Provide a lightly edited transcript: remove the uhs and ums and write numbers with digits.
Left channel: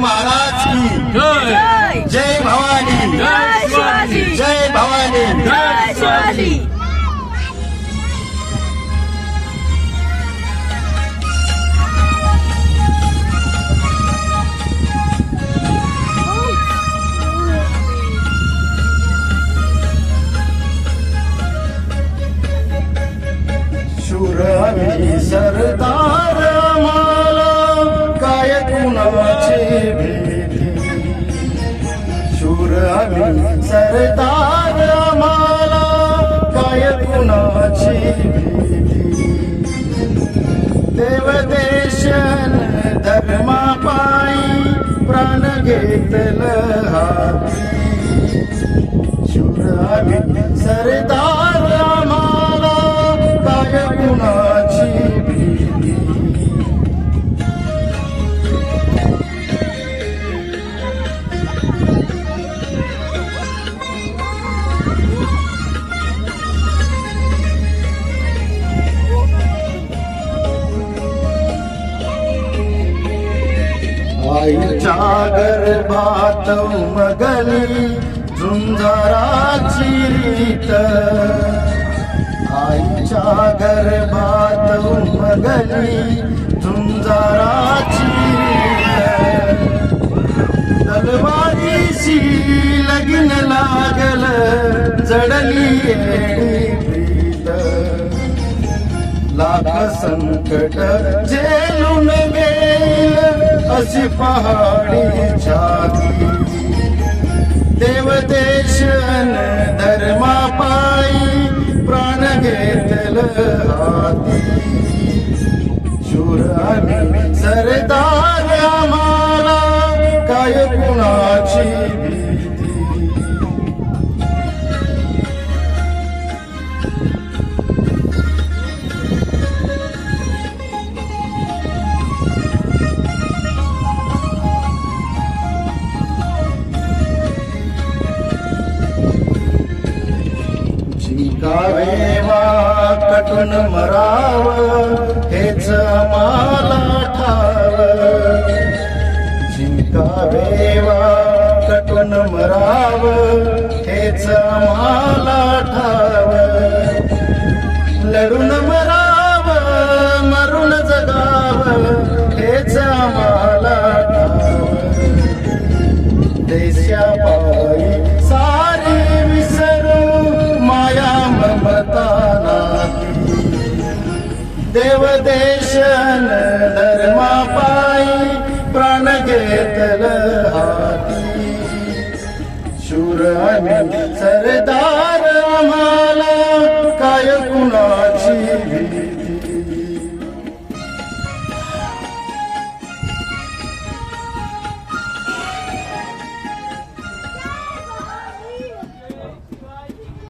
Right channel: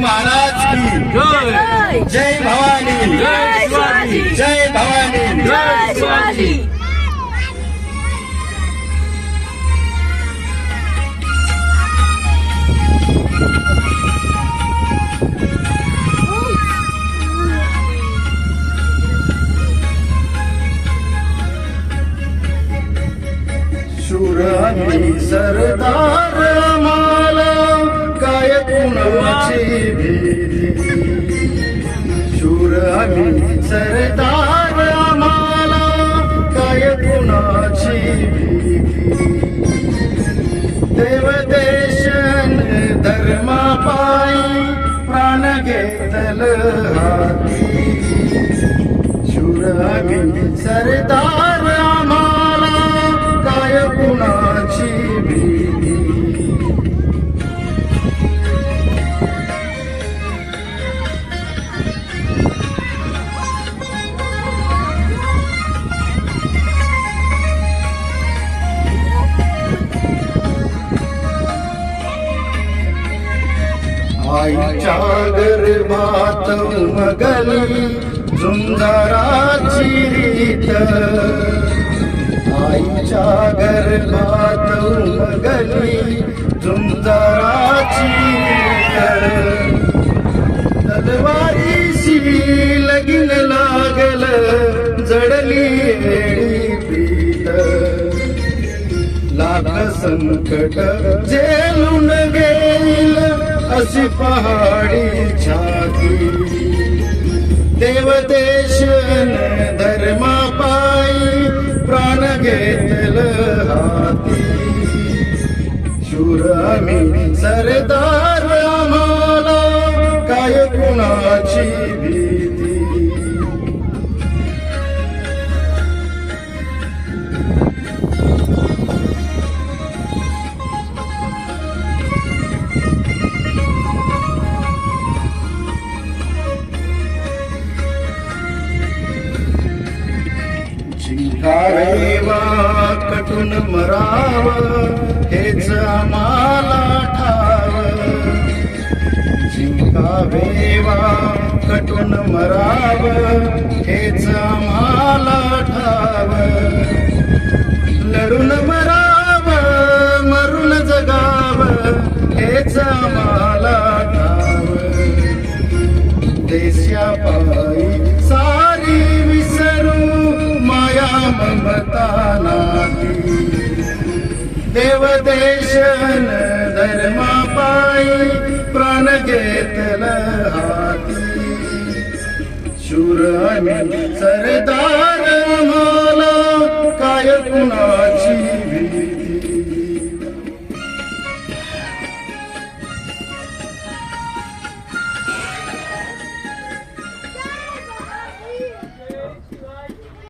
महाराज की जय जय भवानी जय शिवाजी जय भवानी जय शिवाजी शूर आणि सरदार आम्हाला काय कुणाची भीती शूर आणि सरदार आम्हाला काय कुणाची भीती देवदेशन धर्मापायी प्राण घेतल हाती शूर आणि सरदार आम्हाला काय कुणाची भीती आईच्या गर्भात उमगली झुंजाराची रीत आईच्या गर्भात उमगली झुंजाराची तलवारीशी लगीन लागल जडली एडी पीत लाख संकट झेलून गेल अशी पहाडी छाती देवदेशन धर्मापायी प्राण घेतल हाती शूर आणि सरदार आम्हाला काय कुणाची भीती जिंकावेवा कटून मराव हेच आम्हाला ठाव जिंकावेवा कटून मराव हेच आम्हाला ठाव लढून मराव मरून जगाव हेच आम्हाला ठाव देशापायी सारी विसरू माया ममता नाती देवदेशन धर्मापायी प्राण घेतल हाती शूर आणि सरदार